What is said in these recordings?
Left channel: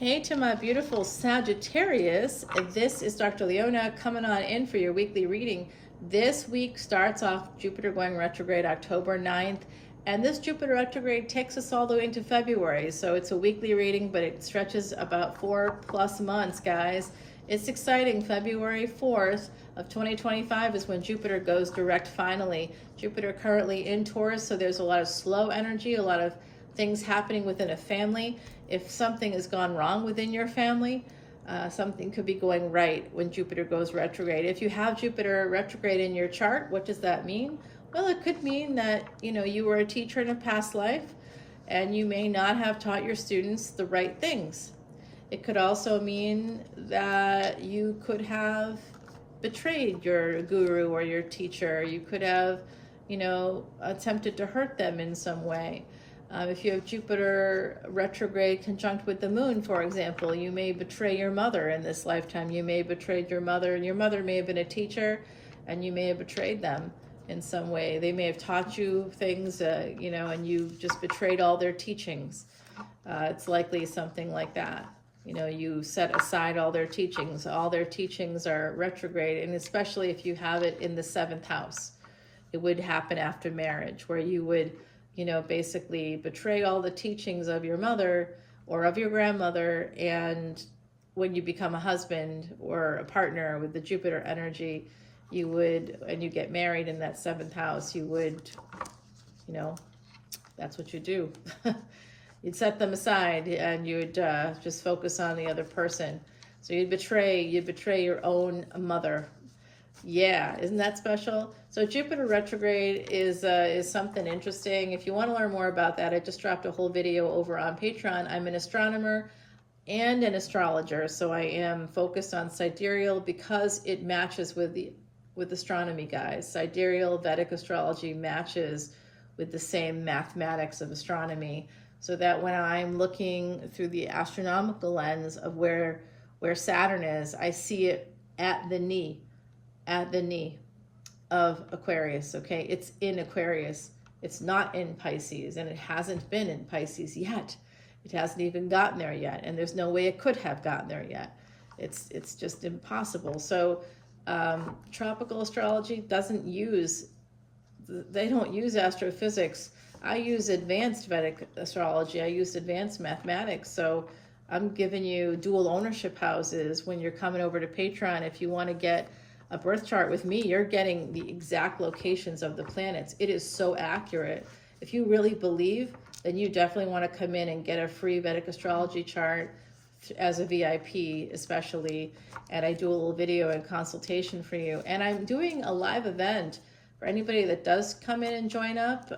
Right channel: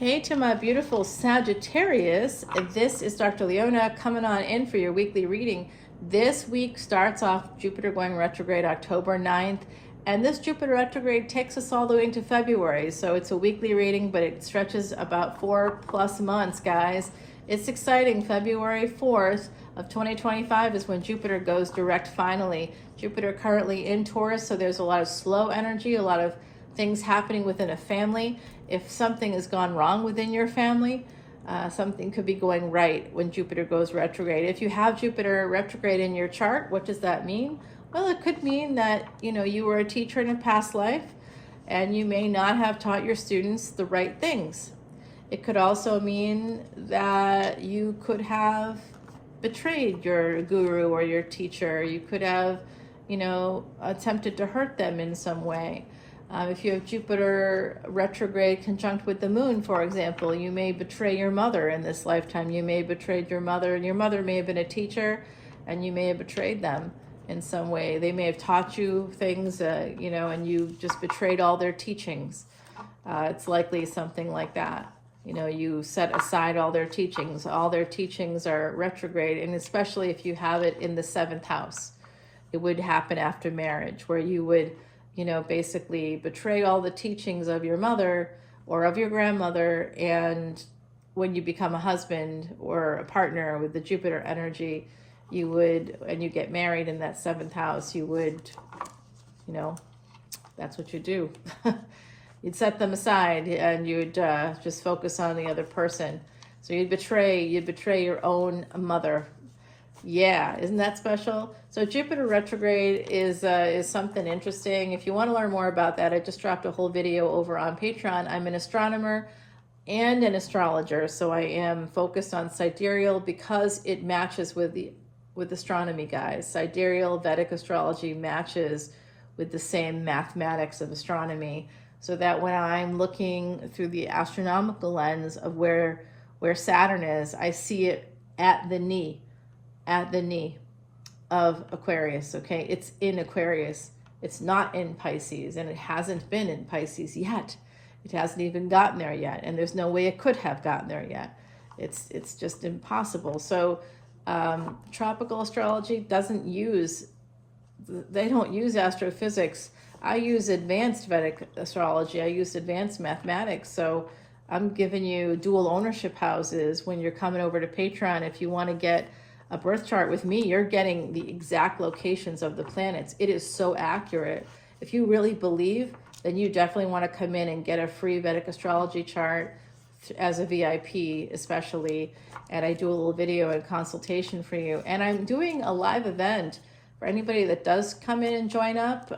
Hey to my beautiful Sagittarius, this is Dr. Leona coming on in for your weekly reading. This week starts off Jupiter going retrograde October 9th, and this Jupiter retrograde takes us all the way into February. So it's a weekly reading, but it stretches about 4+ months, guys. It's exciting. February 4th of 2025 is when Jupiter goes direct finally. Jupiter currently in Taurus, so there's a lot of slow energy, a lot of things happening within a family. If something has gone wrong within your family, something could be going right when Jupiter goes retrograde. If you have Jupiter retrograde in your chart, what does that mean? Well, it could mean that you were a teacher in a past life and you may not have taught your students the right things. It could also mean that you could have betrayed your guru or your teacher. You could have, attempted to hurt them in some way. If you have Jupiter retrograde conjunct with the moon, for example, you may betray your mother in this lifetime. You may have betrayed your mother, and your mother may have been a teacher, and you may have betrayed them in some way. They may have taught you things, and you just betrayed all their teachings. It's likely something like that. You set aside all their teachings. All their teachings are retrograde, and especially if you have it in the 7th house. It would happen after marriage, where you would basically betray all the teachings of your mother or of your grandmother, and when you become a husband or a partner with the Jupiter energy, and you get married in that 7th house, you would, that's what you do. You'd set them aside and you'd just focus on the other person. So you'd betray your own mother. Yeah, isn't that special? So Jupiter retrograde is something interesting. If you want to learn more about that, I just dropped a whole video over on Patreon. I'm an astronomer and an astrologer, so I am focused on sidereal because it matches with astronomy, guys. Sidereal Vedic astrology matches with the same mathematics of astronomy, so that when I'm looking through the astronomical lens of where Saturn is, I see it at the knee of Aquarius, okay? It's in Aquarius. It's not in Pisces, and it hasn't been in Pisces yet. It hasn't even gotten there yet, and there's no way it could have gotten there yet. It's just impossible. So tropical astrology they don't use astrophysics. I use advanced Vedic astrology. I use advanced mathematics. So I'm giving you dual ownership houses when you're coming over to Patreon. If you want to get a birth chart with me, you're getting the exact locations of the planets. It is so accurate. If you really believe, then you definitely want to come in and get a free Vedic astrology chart as a VIP, especially. And I do a little video and consultation for you. And I'm doing a live event for anybody that does come in and join up.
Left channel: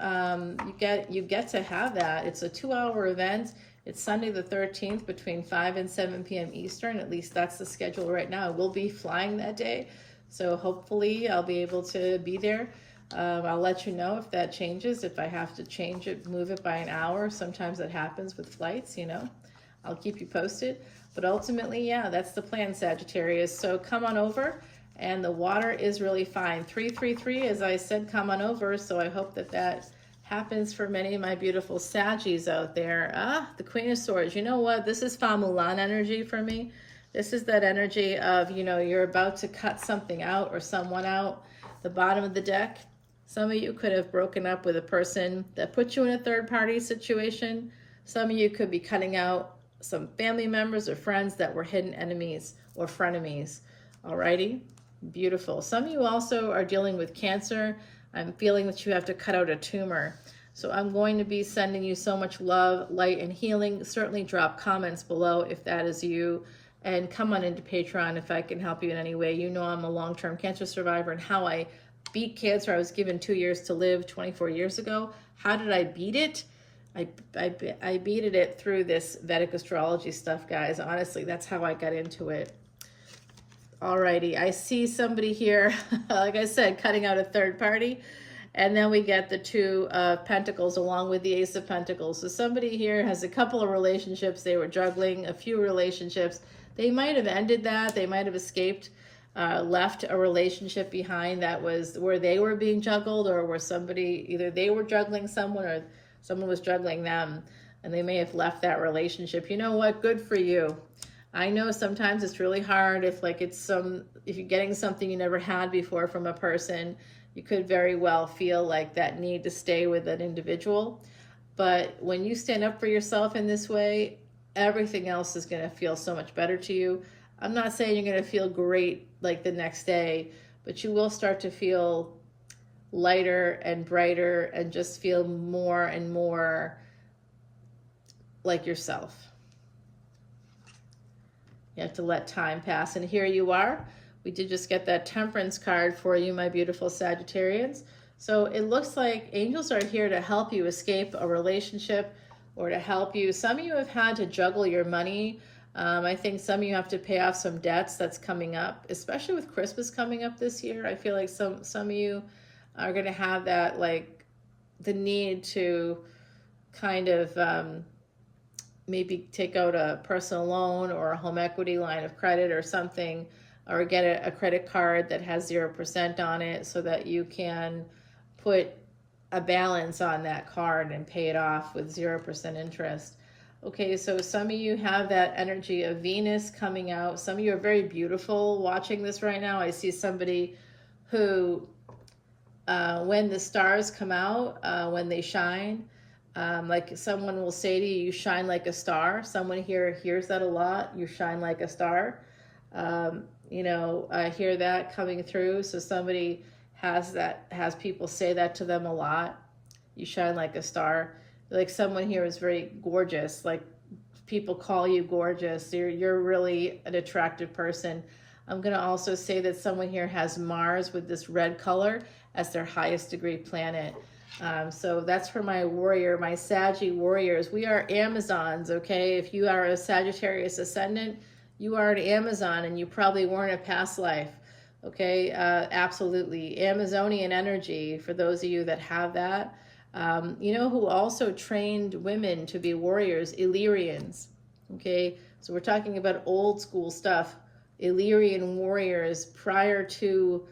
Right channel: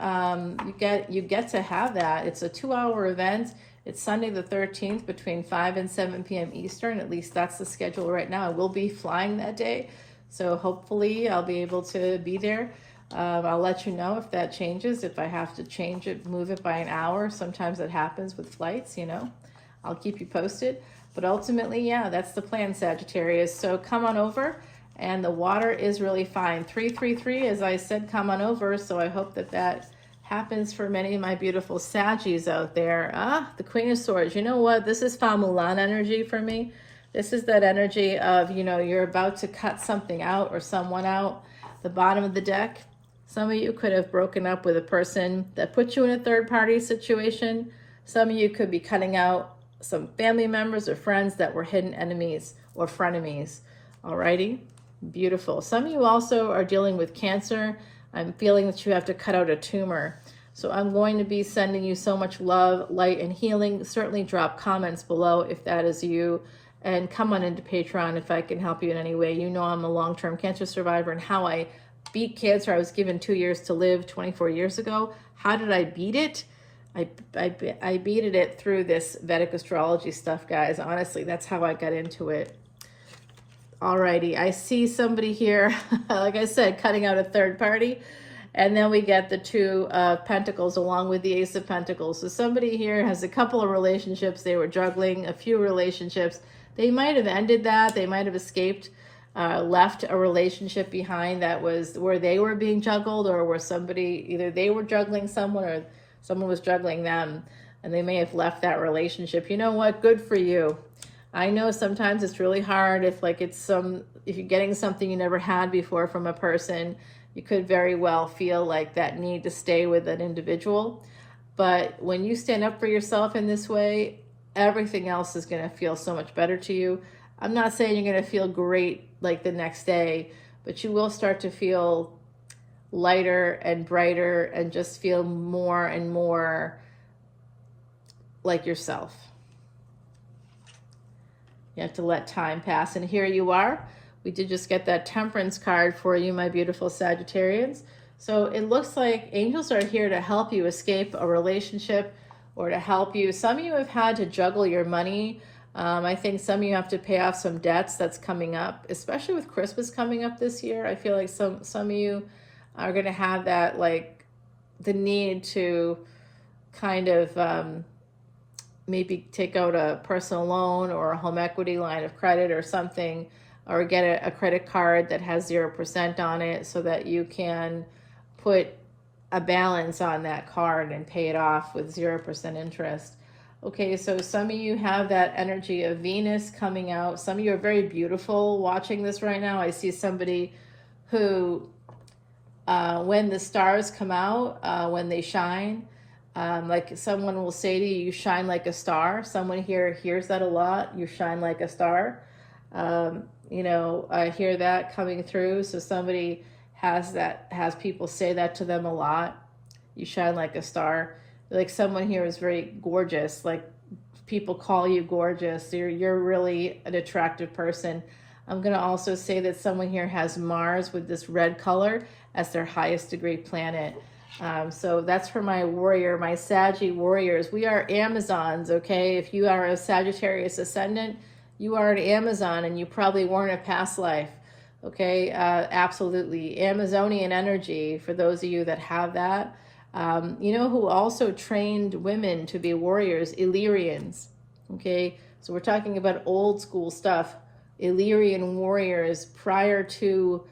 You get to have that. It's a 2-hour event. It's Sunday the 13th between 5 and 7 p.m. Eastern. At least that's the schedule right now. I will be flying that day, so hopefully I'll be able to be there. I'll let you know if that changes, if I have to change it, move it by an hour. Sometimes it happens with flights, I'll keep you posted. But ultimately, yeah, that's the plan, Sagittarius. So come on over, and the water is really fine. 333, as I said, come on over. So I hope that happens for many of my beautiful Saggies out there. The Queen of Swords. You know what? This is Famulan energy for me. This is that energy of, you're about to cut something out or someone out. The bottom of the deck, some of you could have broken up with a person that put you in a third-party situation. Some of you could be cutting out some family members or friends that were hidden enemies or frenemies. Alrighty? Beautiful. Some of you also are dealing with cancer. I'm feeling that you have to cut out a tumor. So I'm going to be sending you so much love, light, and healing. Certainly drop comments below if that is you. And come on into Patreon if I can help you in any way. I'm a long-term cancer survivor, and how I beat cancer. I was given 2 years to live 24 years ago. How did I beat it? I beat it through this Vedic astrology stuff, guys. Honestly, that's how I got into it. Alrighty, I see somebody here, like I said, cutting out a third party. And then we get the 2 of Pentacles along with the Ace of Pentacles. So somebody here has a couple of relationships. They were juggling a few relationships. They might have ended that. They might have escaped, left a relationship behind that was where they were being juggled, or where either they were juggling someone or someone was juggling them. and they may have left that relationship. You know what? Good for you. I know sometimes it's really hard if like if you're getting something you never had before from a person, you could very well feel like that need to stay with an individual. But when you stand up for yourself in this way, everything else is going to feel so much better to you. I'm not saying you're going to feel great like the next day, but you will start to feel lighter and brighter and just feel more and more like yourself. You have to let time pass. And here you are. We did just get that Temperance card for you, my beautiful Sagittarians. So it looks like angels are here to help you escape a relationship or to help you. Some of you have had to juggle your money. I think some of you have to pay off some debts that's coming up, especially with Christmas coming up this year. I feel like some of you are going to have that, like the need to kind of maybe take out a personal loan or a home equity line of credit or something, or get a credit card that has 0% on it so that you can put a balance on that card and pay it off with 0% interest. Okay, so some of you have that energy of Venus coming out. Some of you are very beautiful watching this right now. I see somebody who, when the stars come out, when they shine, like someone will say to you, you shine like a star. Someone here hears that a lot. You shine like a star. You know, I hear that coming through. So somebody has people say that to them a lot. You shine like a star. Like someone here is very gorgeous. Like people call you gorgeous. You're really an attractive person. I'm going to also say that someone here has Mars with this red color as their highest degree planet. So that's for my warrior, my Saggy warriors. We are Amazons, okay? If you are a Sagittarius ascendant, you are an Amazon, and you probably weren't a past life, okay? Absolutely. Amazonian energy, for those of you that have that. You know who also trained women to be warriors? Illyrians, okay? So we're talking about old school stuff. Illyrian warriors prior to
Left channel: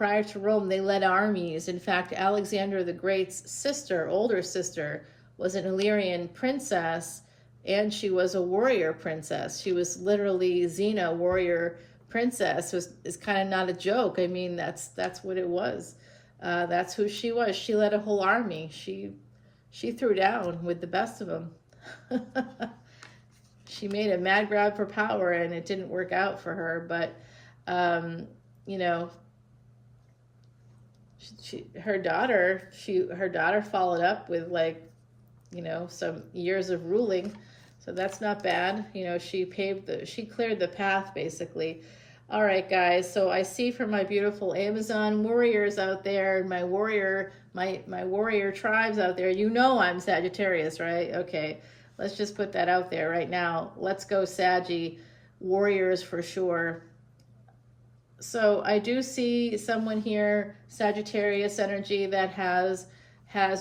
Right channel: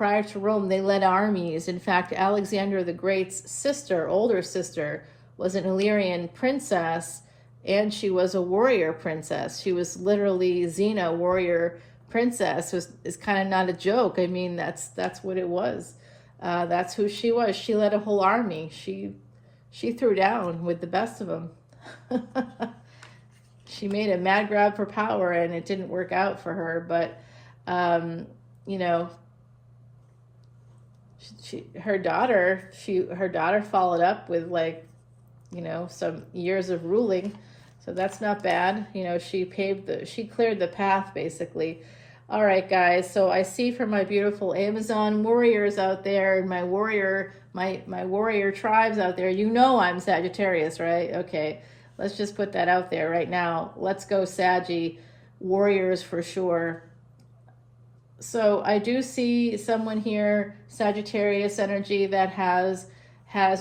Rome, they led armies. In fact, Alexander the Great's sister, older sister, was an Illyrian princess, and she was a warrior princess. She was literally Xena, warrior princess. Is kind of not a joke. I mean, that's what it was. That's who she was. She led a whole army. She threw down with the best of them. She made a mad grab for power, and it didn't work out for her. But you know, her daughter followed up with, like, you know, some years of ruling. So that's not bad. You know, she cleared the path, basically. All right, guys. So I see for my beautiful Amazon warriors out there, and my warrior tribes out there, you know I'm Sagittarius, right? Okay, let's just put that out there right now. Let's go Saggy warriors for sure. So I do see someone here, Sagittarius energy, that has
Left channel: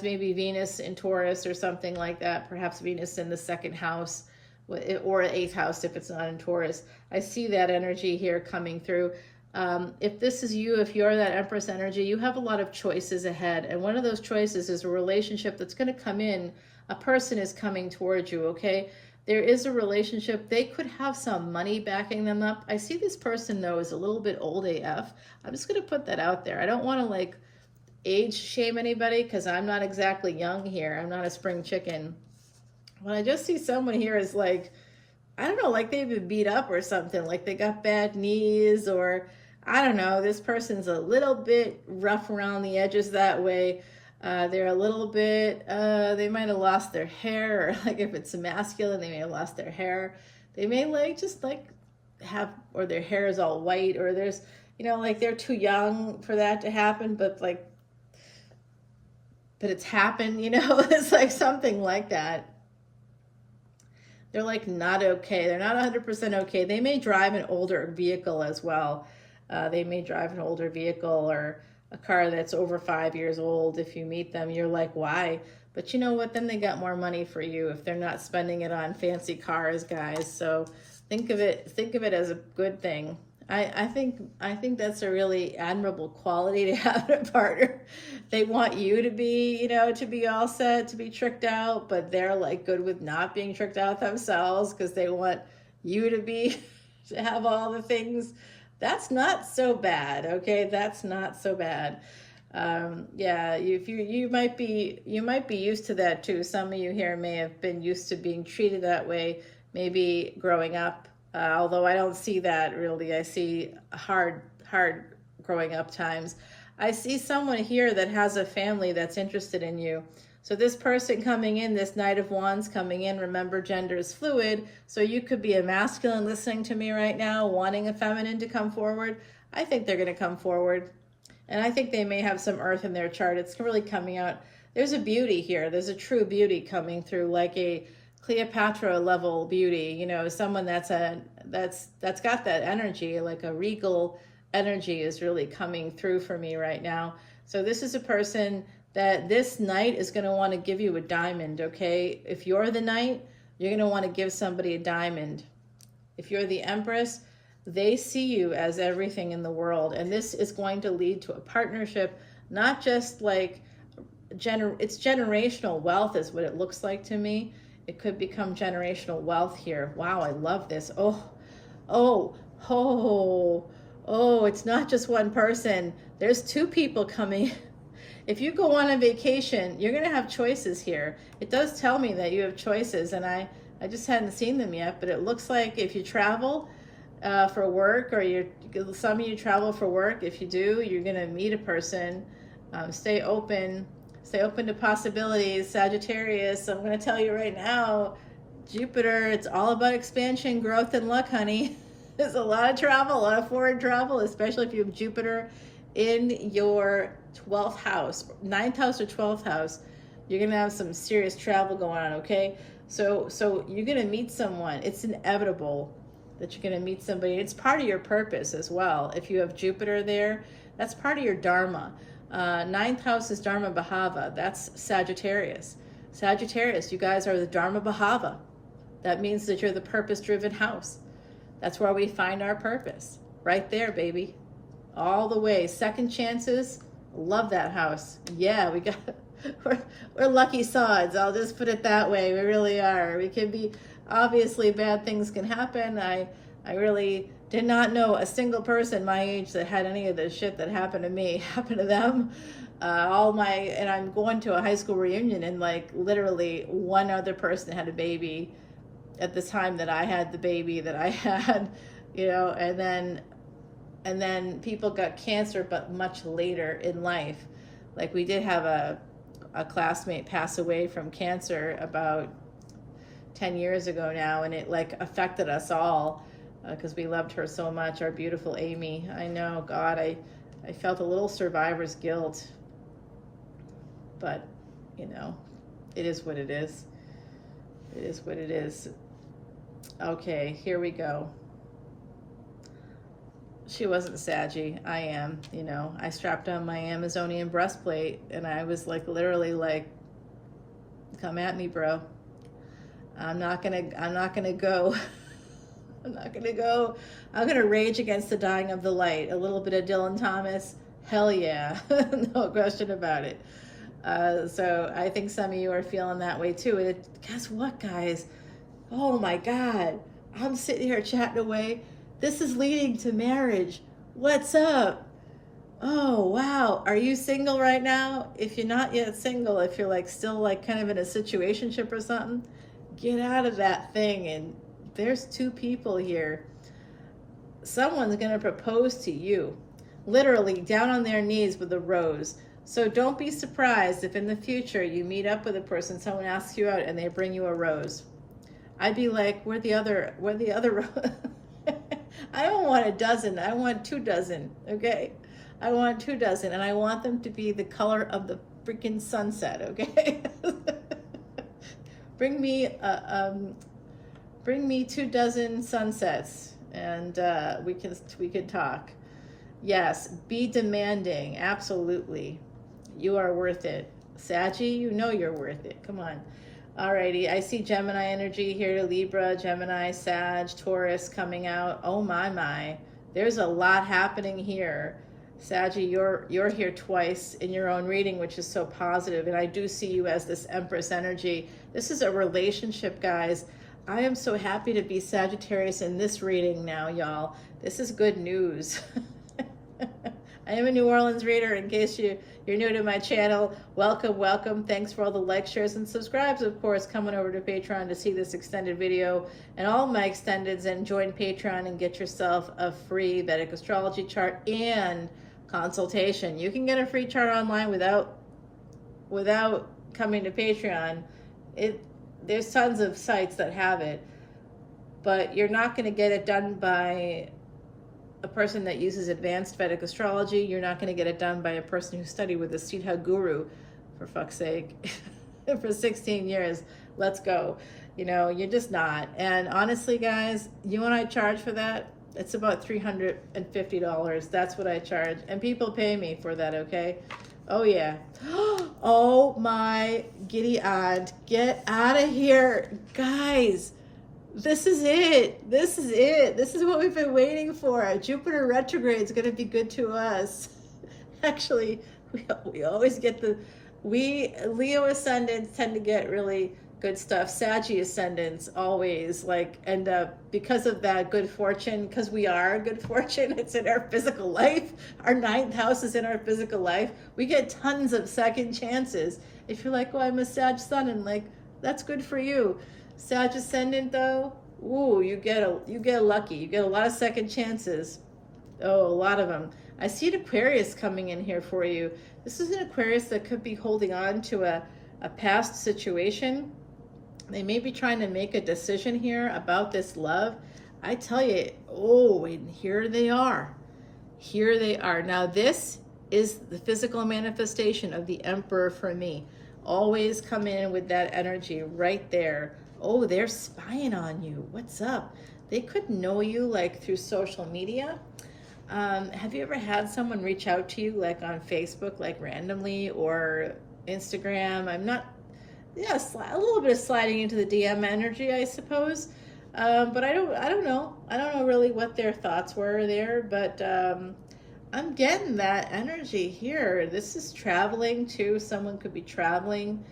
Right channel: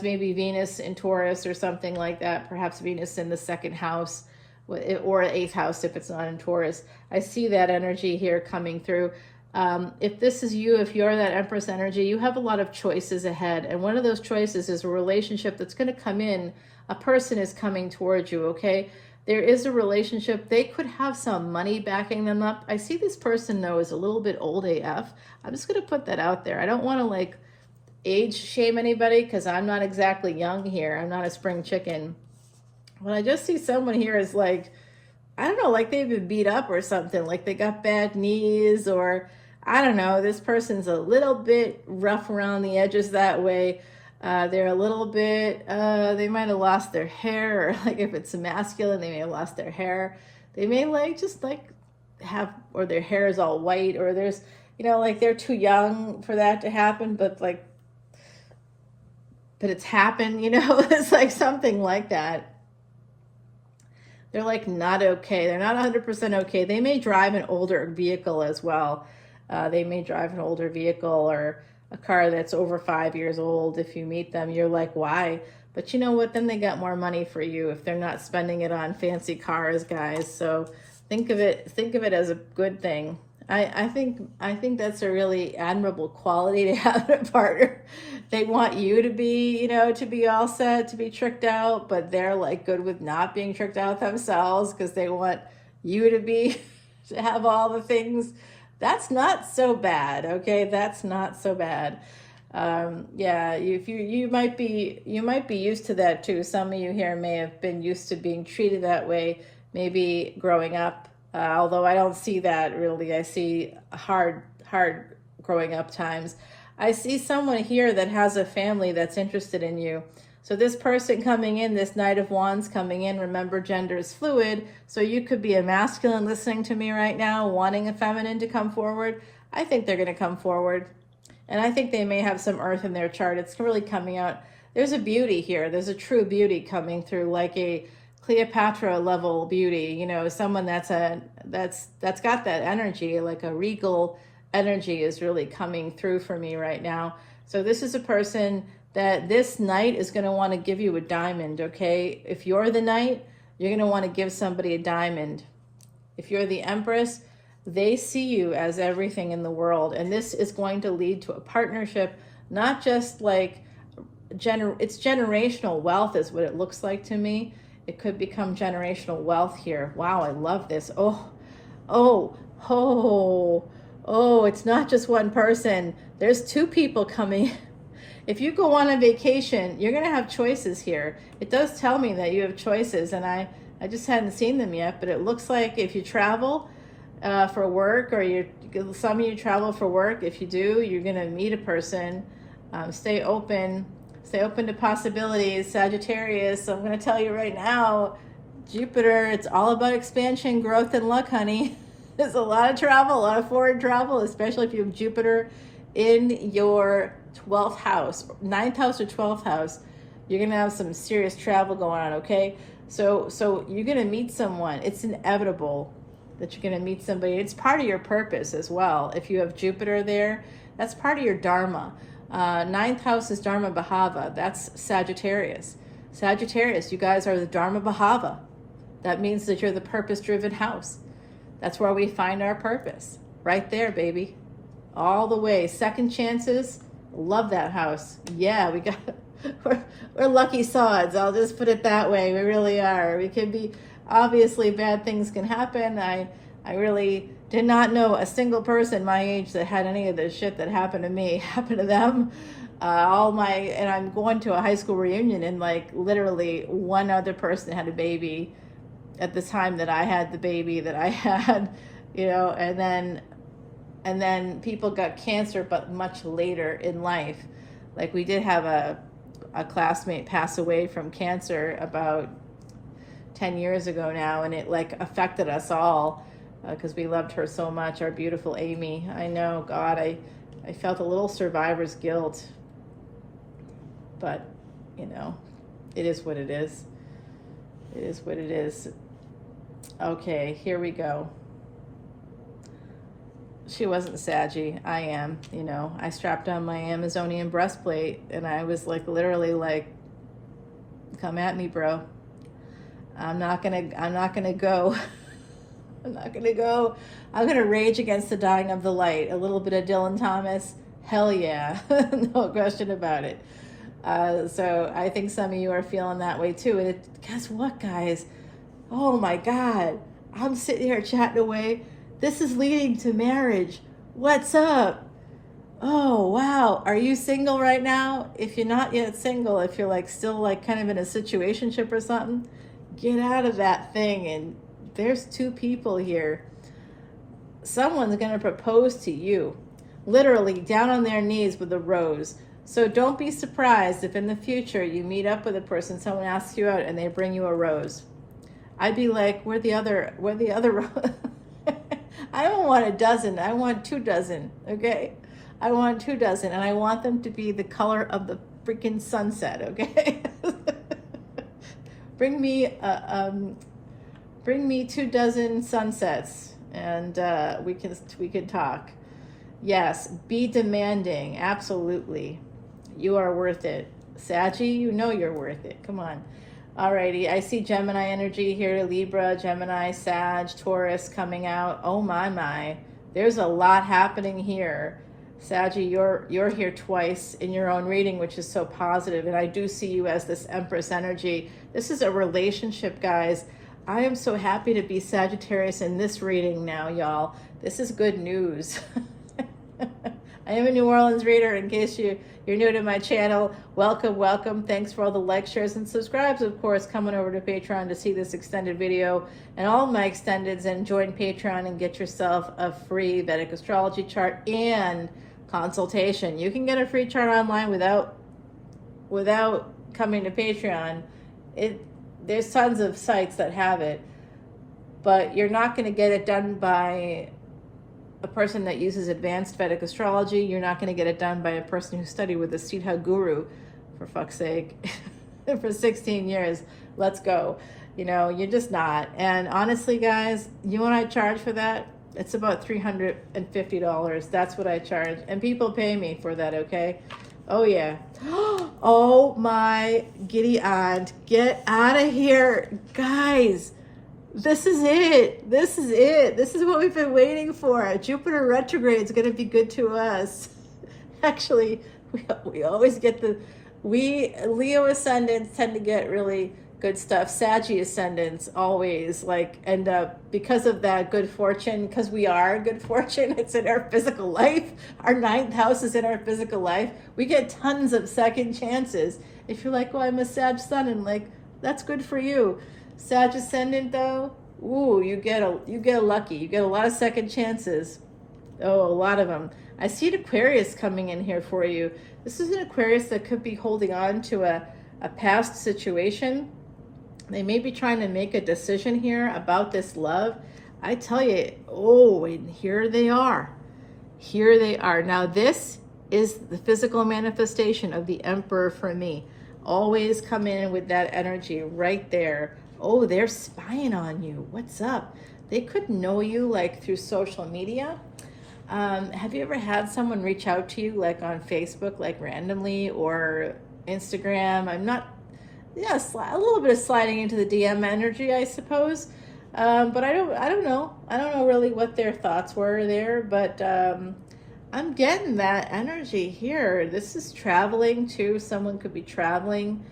maybe Venus in Taurus or something like that, perhaps Venus in the second house or eighth house if it's not in Taurus. I see that energy here coming through. If this is you, if you're that Empress energy, you have a lot of choices ahead. And one of those choices is a relationship that's going to come in. A person is coming towards you, okay? There is a relationship. They could have some money backing them up. I see this person, though, is a little bit old AF. I'm just going to put that out there. I don't want to, like, age shame anybody because I'm not exactly young here. I'm not a spring chicken. When I just see someone here is like, I don't know, like they've been beat up or something, like they got bad knees, or I don't know, this person's a little bit rough around the edges that way. They're a little bit, they might have lost their hair, or like if it's masculine, they may have lost their hair. They may or their hair is all white, or there's, you know, like they're too young for that to happen, but it's happened, you know, it's like something like that. They're like not okay. They're not 100% okay. They may drive an older vehicle as well. They may drive an older vehicle or a car that's over 5 years old. If you meet them, you're like, why? But you know what? Then they got more money for you if they're not spending it on fancy cars, guys. So think of it as a good thing. I think that's a really admirable quality to have in a partner. They want you to be, to be all set, to be tricked out, but they're like good with not being tricked out themselves because they want you to be to have all the things. That's not so bad, okay? That's not so bad. Yeah, if you might be used to that too. Some of you here may have been used to being treated that way, maybe growing up. Although I don't see that really. I see hard growing up times. I see someone here that has a family that's interested in you. So this person coming in, this Knight of Wands coming in, remember gender is fluid. So you could be a masculine listening to me right now, wanting a feminine to come forward. I think they're going to come forward. And I think they may have some earth in their chart. It's really coming out. There's a beauty here. There's a true beauty coming through, like a Cleopatra level beauty, someone that's got that energy, like a regal energy is really coming through for me right now. So this is a person that this knight is going to want to give you a diamond, okay? If you're the knight, you're going to want to give somebody a diamond. If you're the empress, they see you as everything in the world, and this is going to lead to a partnership, not just like it's generational wealth is what it looks like to me. It could become generational wealth here. Wow, I love this. Oh, it's not just one person. There's two people coming. If you go on a vacation, you're going to have choices here. It does tell me that you have choices, and I just hadn't seen them yet, but it looks like if you travel for work, or some of you travel for work, if you do, you're going to meet a person. Stay open to possibilities, Sagittarius. I'm going to tell you right now, Jupiter, it's all about expansion, growth, and luck, honey. There's a lot of travel, a lot of foreign travel, especially if you have Jupiter in your 12th house, 9th house or 12th house. You're going to have some serious travel going on, okay? So you're going to meet someone. It's inevitable that you're going to meet somebody. It's part of your purpose as well. If you have Jupiter there, that's part of your Dharma. 9th house is Dharma Bhava. That's Sagittarius. Sagittarius, you guys are the Dharma Bhava. That means that you're the purpose-driven house. That's where we find our purpose. Right there, baby. All the way. Second chances. Love that house. Yeah, we're lucky sods. I'll just put it that way. We really are. We can be, obviously bad things can happen. I really did not know a single person my age that had any of the shit that happened to me happen to them. And I'm going to a high school reunion, and like literally one other person had a baby at the time that I had the baby that I had, and then people got cancer, but much later in life. Like we did have a classmate pass away from cancer about 10 years ago now, and it like affected us all. Because we loved her so much, our beautiful Amy. I know, God, I felt a little survivor's guilt. But, it is what it is. It is what it is. Okay, here we go. She wasn't Saggy. I am, I strapped on my Amazonian breastplate, and I was like, literally like, come at me, bro. I'm not gonna go. I'm not gonna go. I'm gonna rage against the dying of the light. A little bit of Dylan Thomas. Hell yeah. No question about it. So I think some of you are feeling that way too. And guess what, guys? Oh my God. I'm sitting here chatting away. This is leading to marriage. What's up? Oh, wow. Are you single right now? If you're not yet single, if you're like still like kind of in a situationship or something, get out of that thing. And there's two people here. Someone's going to propose to you, literally down on their knees with a rose. So don't be surprised if in the future you meet up with a person, someone asks you out and they bring you a rose. I'd be like, where the other I don't want a dozen. I want 2 dozen. Okay. I want 2 dozen, and I want them to be the color of the freaking sunset. Okay. Bring me 2 dozen sunsets, and we can talk. Yes, be demanding. Absolutely, you are worth it, Saggy. You know you're worth it. Come on. Alrighty, I see Gemini energy here. Libra, Gemini, Sag, Taurus coming out. Oh my. There's a lot happening here. Saggy, you're here twice in your own reading, which is so positive, and I do see you as this Empress energy. This is a relationship, guys. I am so happy to be Sagittarius in this reading now, y'all. This is good news. I am a New Orleans reader, in case you're new to my channel. Welcome, welcome. Thanks for all the likes, shares, and subscribes, of course, coming over to Patreon to see this extended video and all my extendeds, and join Patreon and get yourself a free Vedic astrology chart and consultation. You can get a free chart online without coming to Patreon. There's tons of sites that have it, but you're not going to get it done by a person that uses advanced Vedic astrology. You're not going to get it done by a person who studied with a Siddha guru, for fuck's sake, for 16 years. Let's go. You know, you're just not. And honestly, guys, you and I charge for that. It's about $350. That's what I charge. And people pay me for that, okay? Oh, yeah. Oh, my giddy aunt. Get out of here. Guys, this is it. This is it. This is what we've been waiting for. Jupiter retrograde is going to be good to us. Actually, we always get we Leo ascendants tend to get really good stuff. Saggy ascendants always end up, because of that good fortune, because we are good fortune, it's in our physical life. Our 9th house is in our physical life. We get tons of second chances. If you're like, well, I'm a Sag sun, and that's good for you. Sag ascendant though, ooh, you get lucky. You get a lot of second chances. Oh, a lot of them. I see an Aquarius coming in here for you. This is an Aquarius that could be holding on to a past situation. They may be trying to make a decision here about this love. I tell you, oh, and here they are. Here they are. Now, this is the physical manifestation of the Emperor for me. Always come in with that energy right there. Oh, they're spying on you. What's up? They could know you through social media. Have you ever had someone reach out to you on Facebook, randomly, or Instagram? Yes, a little bit of sliding into the DM energy, I suppose. But I don't know. I don't know really what their thoughts were there, but I'm getting that energy here. This is traveling too. Someone could be traveling.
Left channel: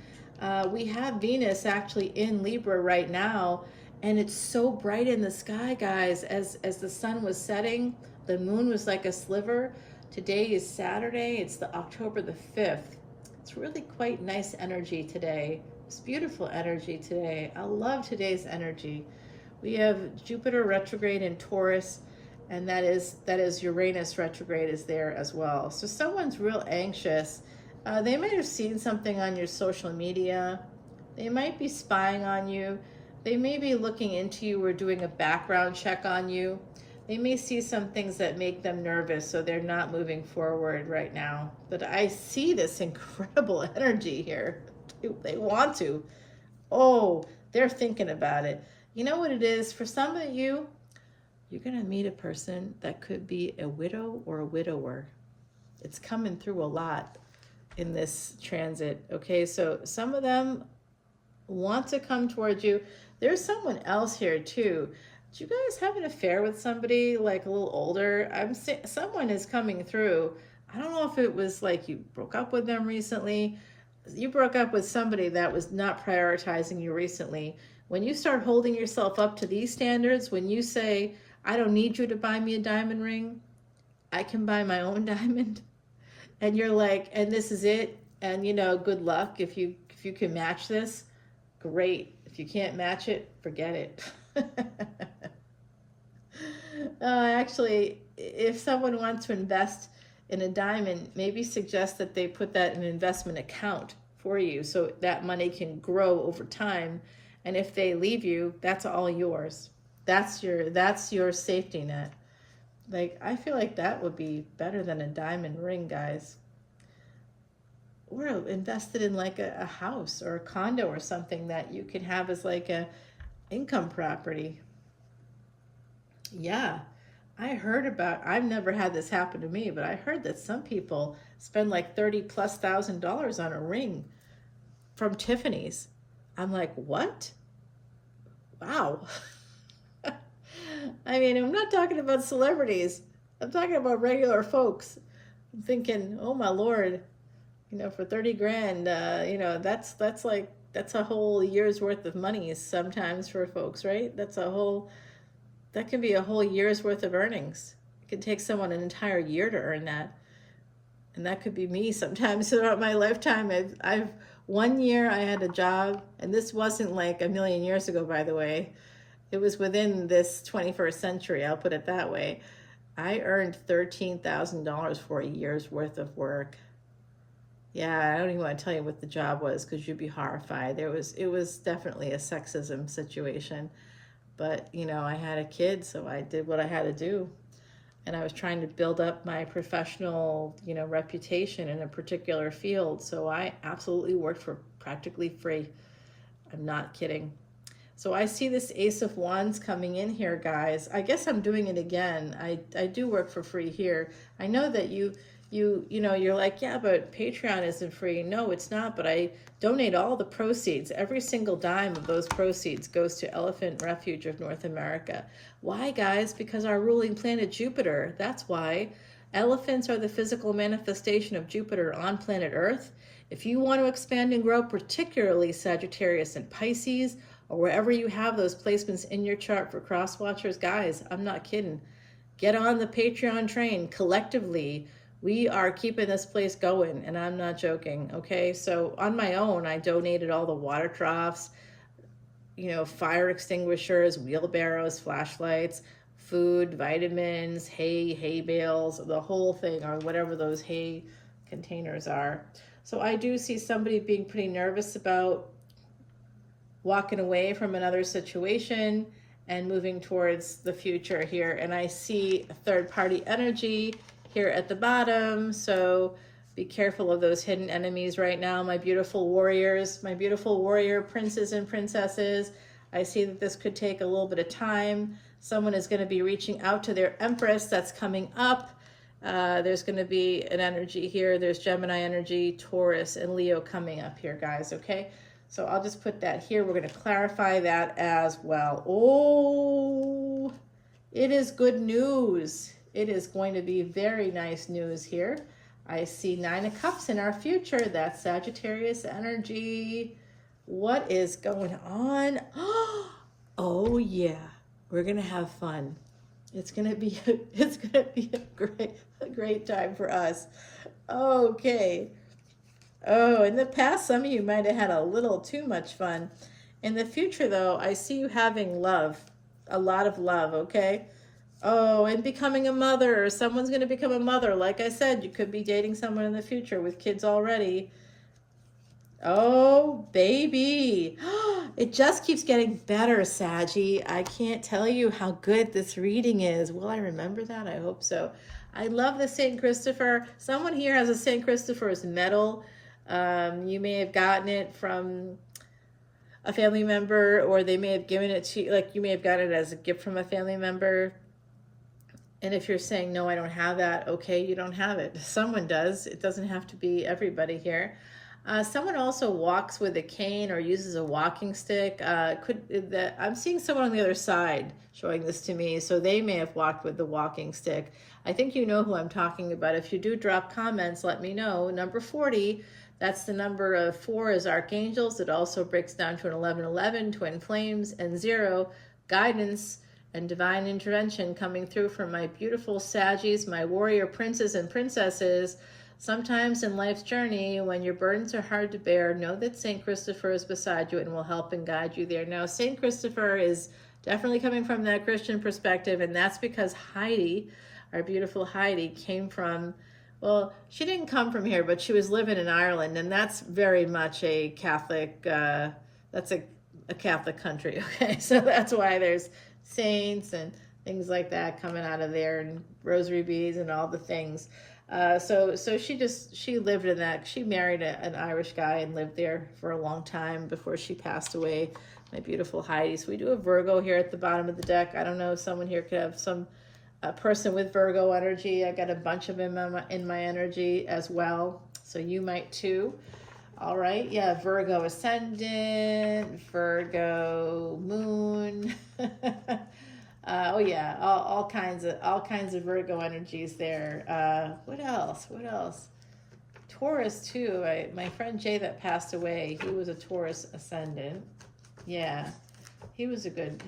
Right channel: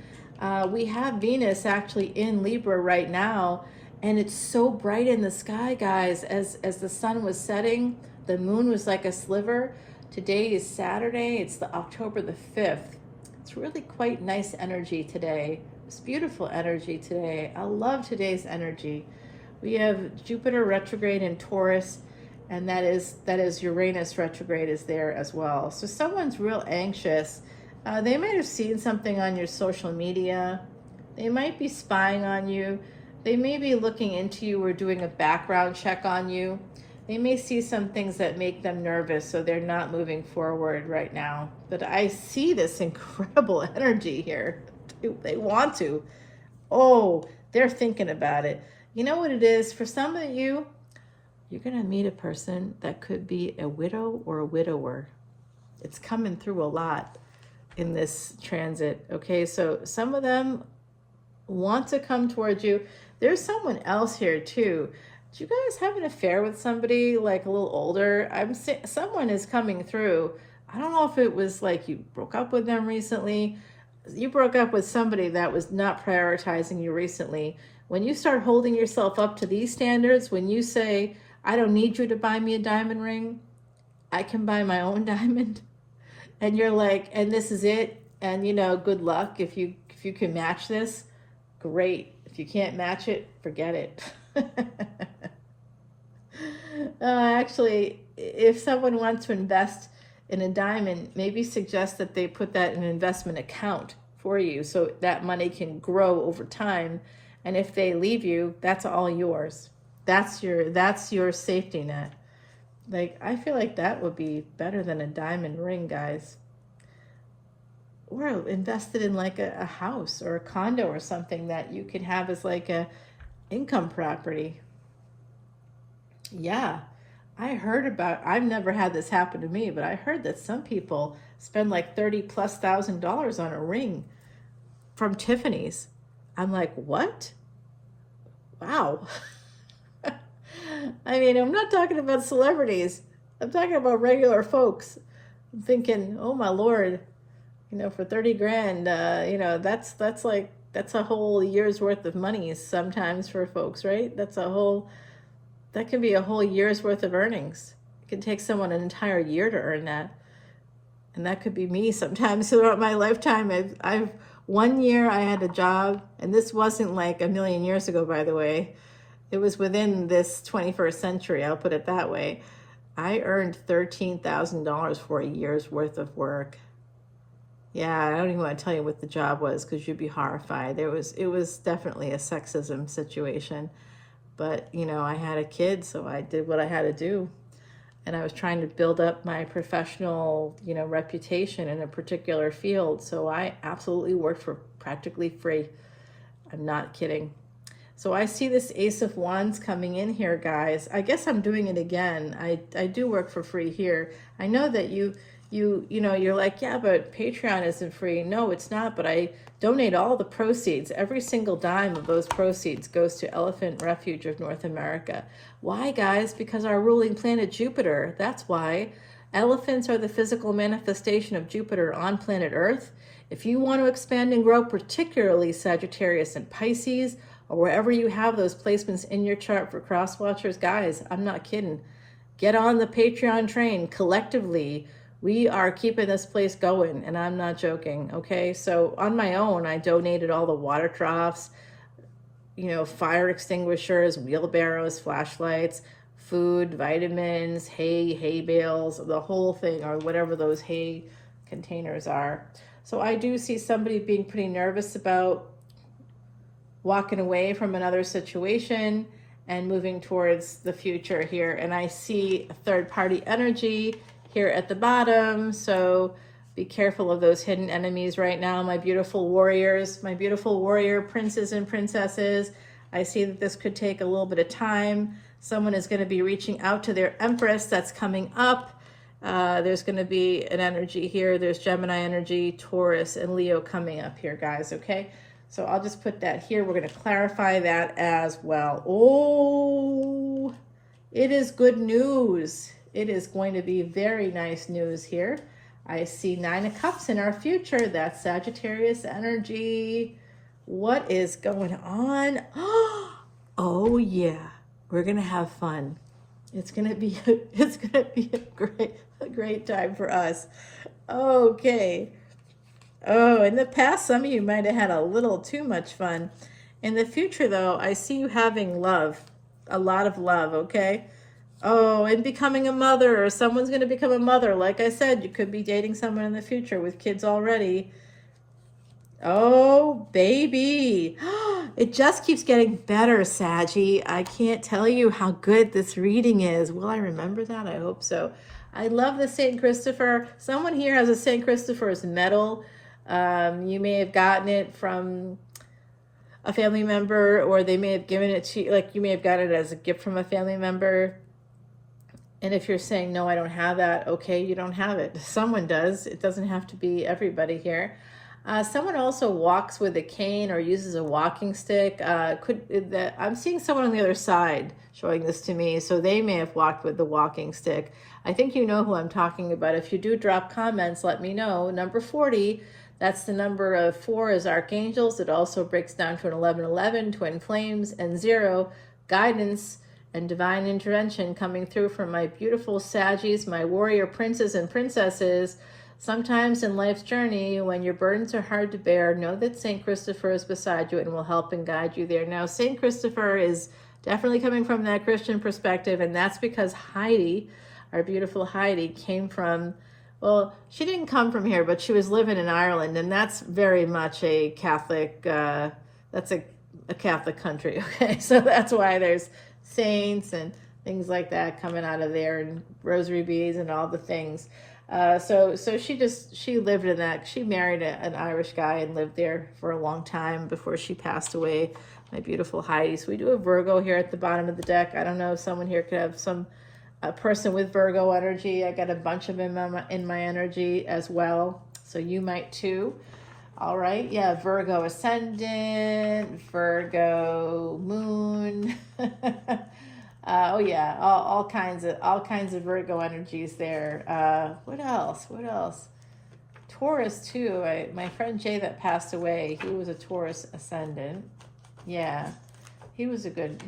We have Venus actually in Libra right now, and it's so bright in the sky, guys. As the sun was setting, the moon was like a sliver. Today is Saturday. It's October the 5th. It's really quite nice energy today. It's beautiful energy today. I love today's energy. We have Jupiter retrograde in Taurus, and that is Uranus retrograde is there as well. So someone's real anxious. They might have seen something on your social media. They might be spying on you. They may be looking into you or doing a background check on you. They may see some things that make them nervous, so they're not moving forward right now. But I see this incredible energy here. They want to. Oh, they're thinking about it. You know what it is? For some of you, you're going to meet a person that could be a widow or a widower. It's coming through a lot in this transit. Okay, so some of them want to come towards you. There's someone else here too. Do you guys have an affair with somebody a little older? Someone is coming through. I don't know if it was you broke up with them recently. You broke up with somebody that was not prioritizing you recently. When you start holding yourself up to these standards, when you say, I don't need you to buy me a diamond ring, I can buy my own diamond. And you're and this is it. And good luck. If you can match this, great. If you can't match it, forget it. Actually, if someone wants to invest in a diamond, maybe suggest that they put that in an investment account for you so that money can grow over time. And if they leave you, that's all yours. That's your safety net. I feel like that would be better than a diamond ring, guys. Or invested in a house or a condo or something that you can have as a income property. Yeah, I've never had this happen to me, but I heard that some people spend $30,000+ on a ring from Tiffany's. I'm like, what? Wow. I mean, I'm not talking about celebrities. I'm talking about regular folks. I'm thinking, oh my Lord, for 30 grand, that's a whole year's worth of money sometimes for folks, right? That can be a whole year's worth of earnings. It can take someone an entire year to earn that. And that could be me sometimes throughout my lifetime. I've 1 year I had a job, and this wasn't like a million years ago, by the way. It was within this 21st century, I'll put it that way. I earned $13,000 for a year's worth of work. Yeah, I don't even want to tell you what the job was because you'd be horrified. It was definitely a sexism situation. But, I had a kid, so I did what I had to do. And I was trying to build up my professional, reputation in a particular field. So I absolutely worked for practically free. I'm not kidding. So I see this Ace of Wands coming in here, guys. I guess I'm doing it again. I do work for free here. I know that you're like, yeah, but Patreon isn't free. No, it's not, but I donate all the proceeds. Every single dime of those proceeds goes to Elephant Refuge of North America. Why, guys? Because our ruling planet Jupiter, that's why. Elephants are the physical manifestation of Jupiter on planet Earth. If you want to expand and grow, particularly Sagittarius and Pisces, or wherever you have those placements in your chart for cross watchers, guys, I'm not kidding. Get on the Patreon train collectively. We are keeping this place going, and I'm not joking, okay? So on my own, I donated all the water troughs, fire extinguishers, wheelbarrows, flashlights, food, vitamins, hay bales, the whole thing, or whatever those hay containers are. So I do see somebody being pretty nervous about walking away from another situation and moving towards the future here. And I see third-party energy here at the bottom, so be careful of those hidden enemies right now, my beautiful warriors, my beautiful warrior princes and princesses. I see that this could take a little bit of time. Someone is going to be reaching out to their Empress. That's coming up. There's going to be an energy here. There's Gemini energy, Taurus, and Leo coming up here, guys, okay? So I'll just put that here. We're going to clarify that as well. Oh, it is good news. It is going to be very nice news here. I see 9 of Cups in our future. That's Sagittarius energy. What is going on? Oh yeah, we're gonna have fun. It's gonna be a great time for us. Okay. Oh, in the past, some of you might have had a little too much fun. In the future, though, I see you having love, a lot of love. Okay. Oh, and becoming a mother, or someone's going to become a mother. Like I said, you could be dating someone in the future with kids already. Oh, baby. It just keeps getting better, Saggy. I can't tell you how good this reading is. Will I remember that? I hope so. I love the St. Christopher. Someone here has a St. Christopher's medal. You may have gotten it from a family member, or they may have given it to you. Like, you may have gotten it as a gift from a family member. And if you're saying, no, I don't have that, okay, you don't have it. Someone does. It doesn't have to be everybody here. Someone also walks with a cane or uses a walking stick. I'm seeing someone on the other side showing this to me, so they may have walked with the walking stick. I think you know who I'm talking about. If you do drop comments, let me know. Number 40, that's the number of 4 is archangels. It also breaks down to an 1111, twin flames, and 0, guidance and divine intervention coming through from my beautiful Saggies, my warrior princes and princesses. Sometimes in life's journey, when your burdens are hard to bear, know that St. Christopher is beside you and will help and guide you there. Now, St. Christopher is definitely coming from that Christian perspective, and that's because Heidi, our beautiful Heidi, came from, well, she didn't come from here, but she was living in Ireland, and that's very much a Catholic, that's a Catholic country, okay? So that's why there's saints and things like that coming out of there, and rosary beads and all the things. So she lived in that. She married an Irish guy and lived there for a long time before she passed away. My beautiful Heidi. So we do a Virgo here at the bottom of the deck. I don't know if someone here could have a person with Virgo energy. I got a bunch of them in my energy as well. So you might too. All right. Yeah. Virgo ascendant, Virgo moon. Oh yeah, all kinds of Virgo energies there. What else? What else? Taurus too. My friend Jay that passed away, he was a Taurus ascendant. Yeah, he was a good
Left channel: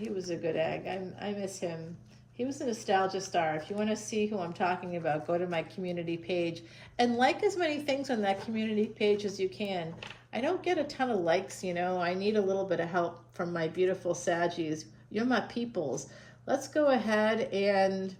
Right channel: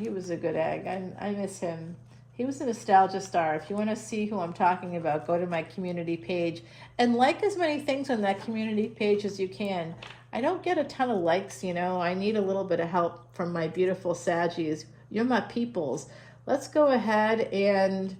egg. I miss him. He was a nostalgia star. If you want to see who I'm talking about, go to my community page and like as many things on that community page as you can. I don't get a ton of likes, you know. I need a little bit of help from my beautiful Saggies. You're my peoples. Let's go ahead and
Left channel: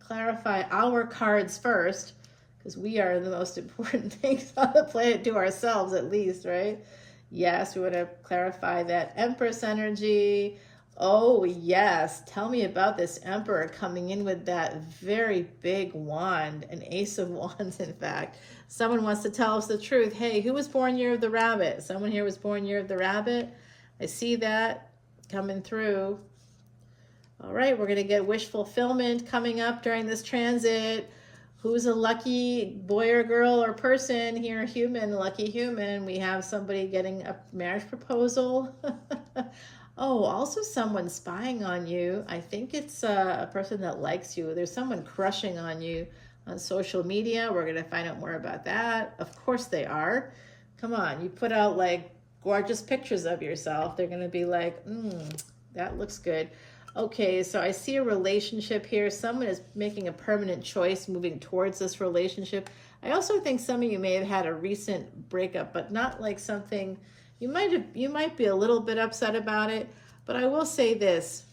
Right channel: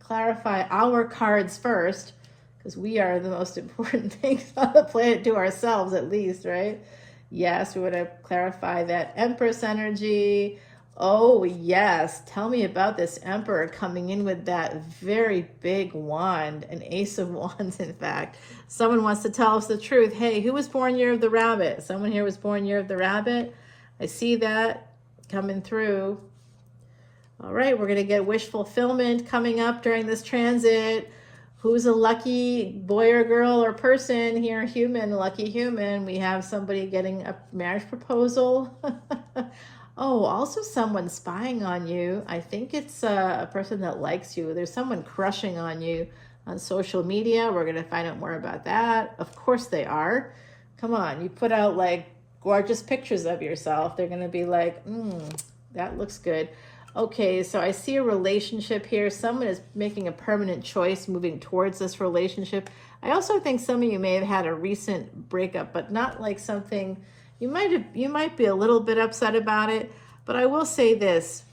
clarify our cards first, because we are the most important things on the planet to ourselves, at least, right? Yes, we want to clarify that Empress energy. Oh, yes. Tell me about this Emperor coming in with that very big wand, an Ace of Wands, in fact. Someone wants to tell us the truth. Hey, who was born year of the rabbit? Someone here was born year of the rabbit. I see that coming through. All right, we're going to get wish fulfillment coming up during this transit. Who's a lucky boy or girl or person here? Human, lucky human. We have somebody getting a marriage proposal. Oh, also someone spying on you. I think it's a person that likes you. There's someone crushing on you on social media. We're going to find out more about that. Of course they are. Come on, you put out like gorgeous pictures of yourself. They're going to be like, that looks good. Okay, so I see a relationship here. Someone is making a permanent choice moving towards this relationship. I also think some of you may have had a recent breakup, but not like something, you might be a little bit upset about it, but I will say this.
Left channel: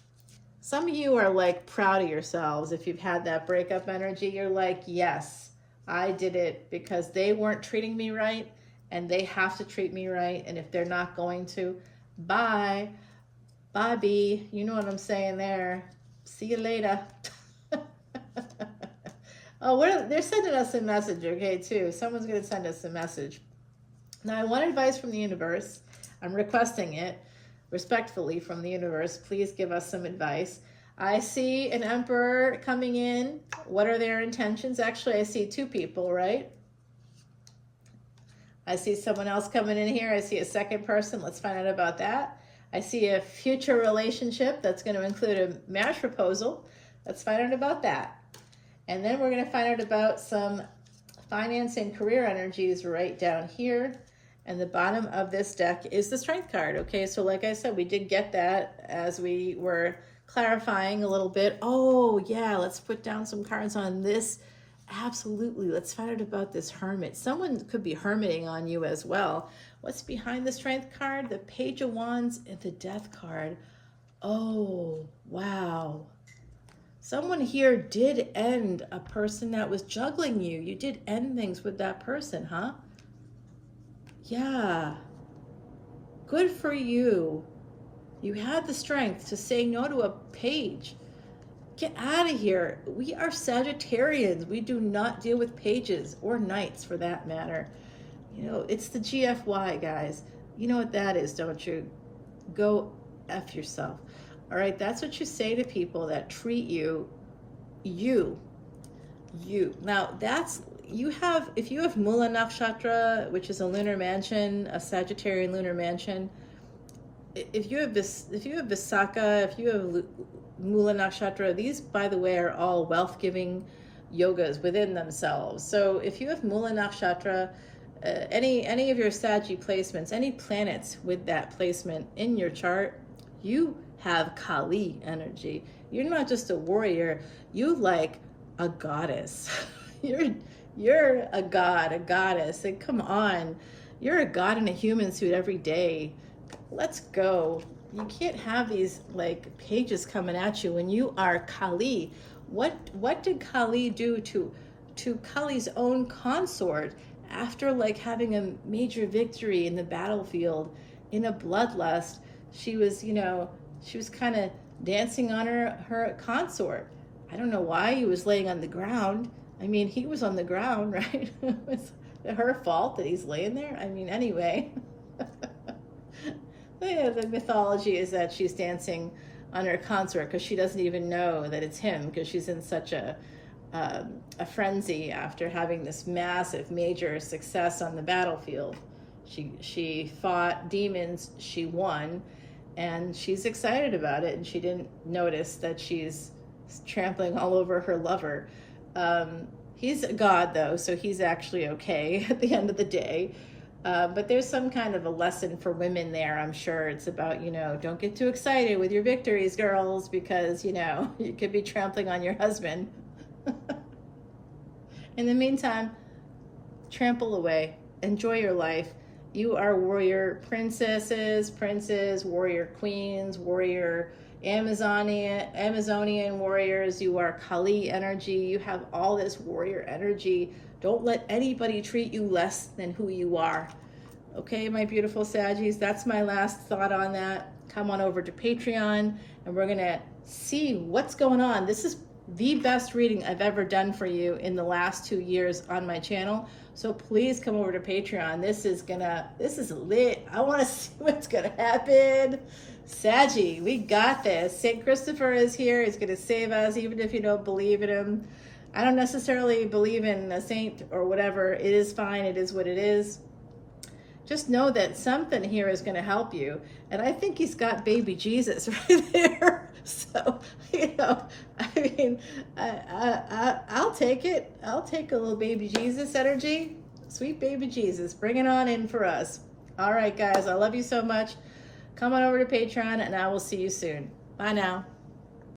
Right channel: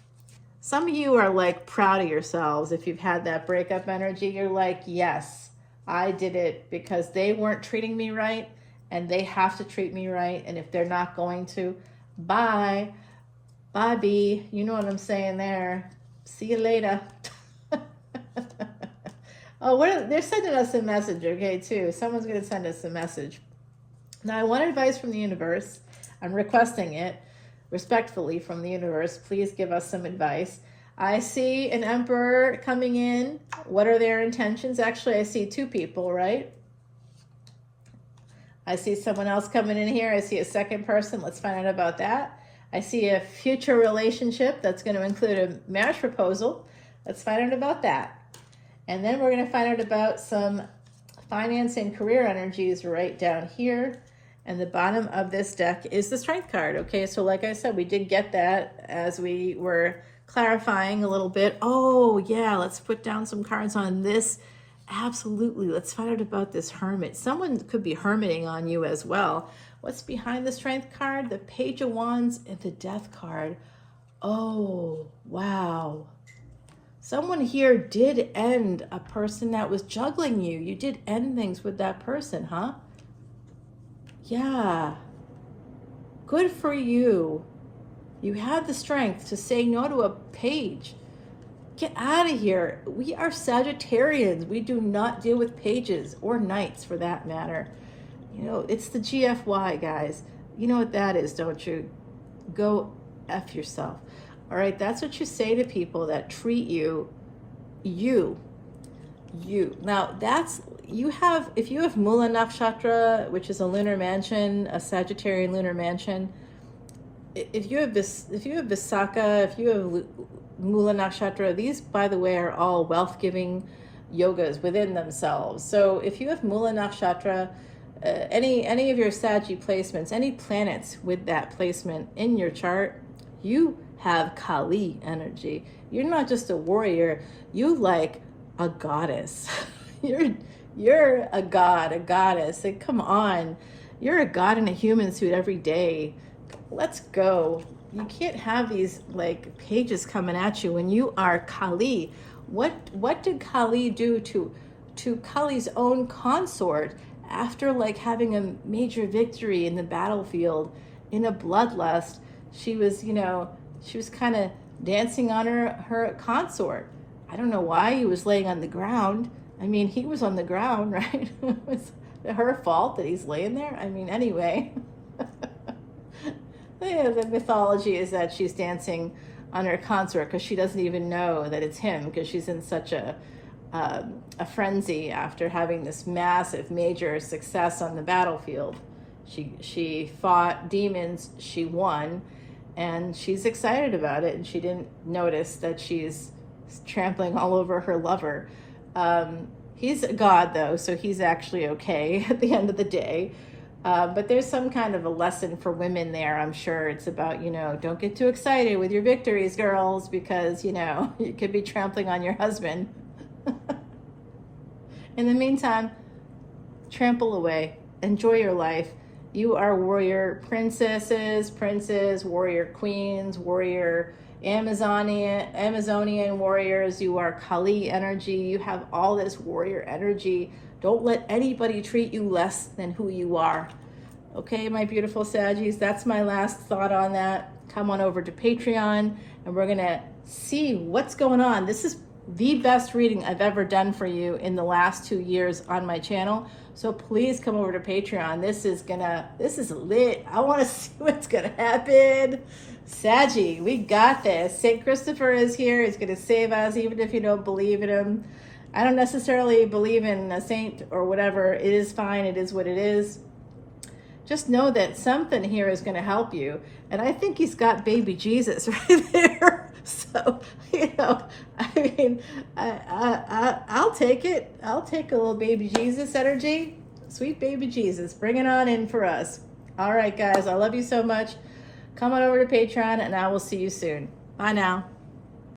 Some of you are like proud of yourselves. If you've had that breakup energy, you're like, yes, I did it because they weren't treating me right and they have to treat me right. And if they're not going to, bye. Bobby, you know what I'm saying there. See you later. Oh, they're sending us a message, okay, too. Someone's going to send us a message. Now, I want advice from the universe. I'm requesting it respectfully from the universe. Please give us some advice. I see an emperor coming in. What are their intentions? Actually, I see two people, right? I see someone else coming in here. I see a second person. Let's find out about that. I see a future relationship that's going to include a marriage proposal. Let's find out about that. And then we're going to find out about some finance and career energies right down here. And the bottom of this deck is the Strength card. Okay, so like I said, we did get that as we were clarifying a little bit. Oh, yeah, let's put down some cards on this. Absolutely. Let's find out about this Hermit. Someone could be hermiting on you as well. What's behind the Strength card? The Page of Wands and the Death card. Oh, wow. Someone here did end a person that was juggling you. You did end things with that person, huh? Yeah. Good for you. You had the strength to say no to a page. Get out of here. We are Sagittarians. We do not deal with pages or knights for that matter. You know, it's the GFY, guys. You know what that is, don't you? Go F yourself. All right, that's what you say to people that treat you. Now, that's, if you have Mula Nakshatra, which is a lunar mansion, a Sagittarian lunar mansion, if you have Visakha, if you have Mula Nakshatra, these, by the way, are all wealth-giving yogas within themselves. So if you have Mula Nakshatra, any of your Saggy placements, any planets with that placement in your chart, you have Kali energy. You're not just a warrior, you like a goddess. You're a god, a goddess. And come on, you're a god in a human suit every day. Let's go. You can't have these like pages coming at you when you are Kali. What did Kali do to Kali's own consort after like having a major victory in the battlefield in a bloodlust? She was kind of dancing on her consort. I don't know why he was laying on the ground. I mean, he was on the ground, right? It was her fault that he's laying there. I mean, anyway. Yeah, the mythology is that she's dancing on her consort because she doesn't even know that it's him, because she's in such a frenzy after having this massive, major success on the battlefield. She fought demons, she won, and she's excited about it, and she didn't notice that she's trampling all over her lover. He's a god though, so he's actually okay at the end of the day. But there's some kind of a lesson for women there, I'm sure. It's about, don't get too excited with your victories, girls, because, you could be trampling on your husband. In the meantime, trample away. Enjoy your life. You are warrior princesses, princes, warrior queens, warrior Amazonian warriors. You are Kali energy. You have all this warrior energy. Don't let anybody treat you less than who you are. Okay, my beautiful Saggies, that's my last thought on that. Come on over to Patreon, and we're gonna see what's going on. This is the best reading I've ever done for you in the last 2 years on my channel. So please come over to Patreon. This is lit. I want to see what's gonna happen. Saggy, we got this. St. Christopher is here. He's gonna save us, even if you don't believe in him. I don't necessarily believe in a saint or whatever. It is fine. It is what it is. Just know that something here is going to help you. And I think he's got baby Jesus right there. So, I'll take it. I'll take a little baby Jesus energy. Sweet baby Jesus. Bring it on in for us. All right, guys. I love you so much. Come on over to Patreon, and I will see you soon. Bye now.